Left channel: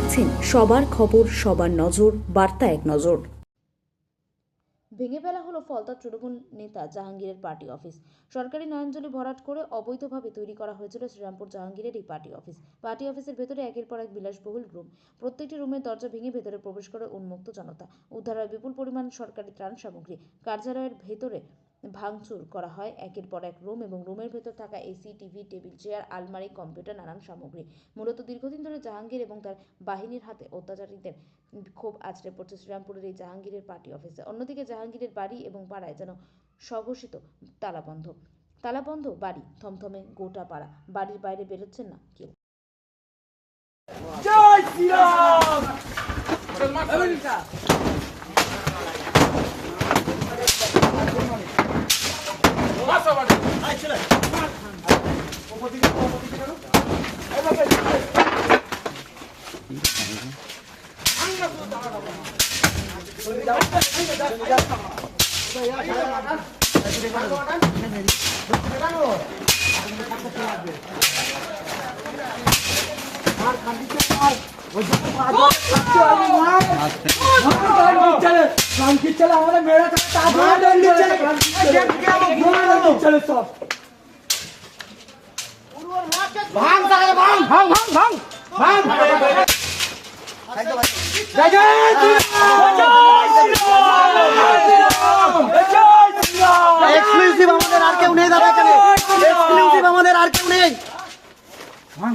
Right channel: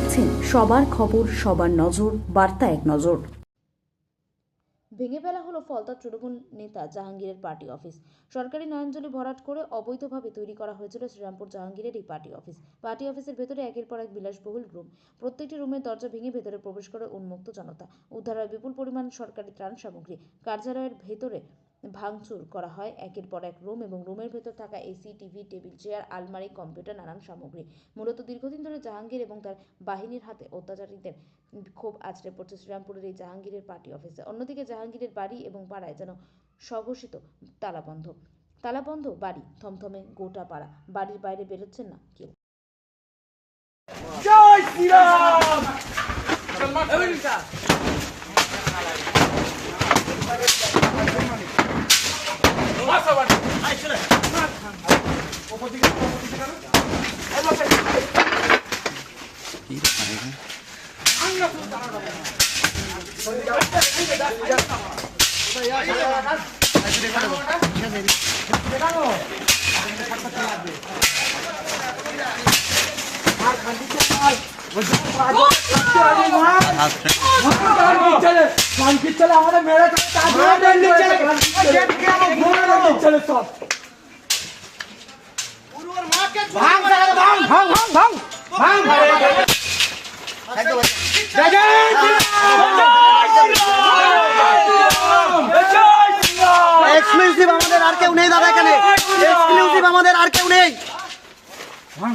দেখছেন সবার খবর, সবার নজর, বার্তা এক নজর। ভেঙে ফেলা হলো ফলতা তৃণমূল নেতা জাহাঙ্গীরের পার্টি অফিস। সরকারি নয়নজলি ভরাট করে অবৈধভাবে তৈরি করা হয়েছিল শ্রীরামপুর জাহাঙ্গীরের এই পার্টি অফিস। পার্টি অফিসের ভেতরে একের পর এক বিলাসবহুল রুম। প্রত্যেকটি রুমের দরজা ভেঙে ভেতরে প্রবেশ করে উন্মুক্ত জনতা। উদ্ধার হয় বিপুল পরিমাণ সরকারি ত্রাণ সামগ্রী। কার্যালয়ের ভেতরে ভাঙচুর করা হয় একের পর এক রুম এবং রুমের ভেতর থাকা এসি, টিভি, টেবিল, চেয়ার, আলমারি, কম্পিউটার, নানান সামগ্রী। মূলত দীর্ঘদিন ধরে জাহাঙ্গীর এবং তার বাহিনীর হাতে অত্যাচারীদের ক্ষোভ আছড়ে পড়ছে শ্রীরামপুরের এই জাহাঙ্গীরের পার্টি অফিসে। অন্যদিকে জাহাঙ্গীরের বাড়ি এবং পাড়ায় যেন স্বঘোষিত তালাবন্ধ বাড়ি, থমথমে গোটা পাড়া। বাড়ির বাইরে বেরোচ্ছেন না কেউ। জয় শ্রীরাম। আমাদের মেরে চলে সব এক্সক্লুসিভ আমাদের আর কেউ নেই দাদা, এখানে এক্সক্লুসিভ আমাদের আর কেউ নেই। ভাঙ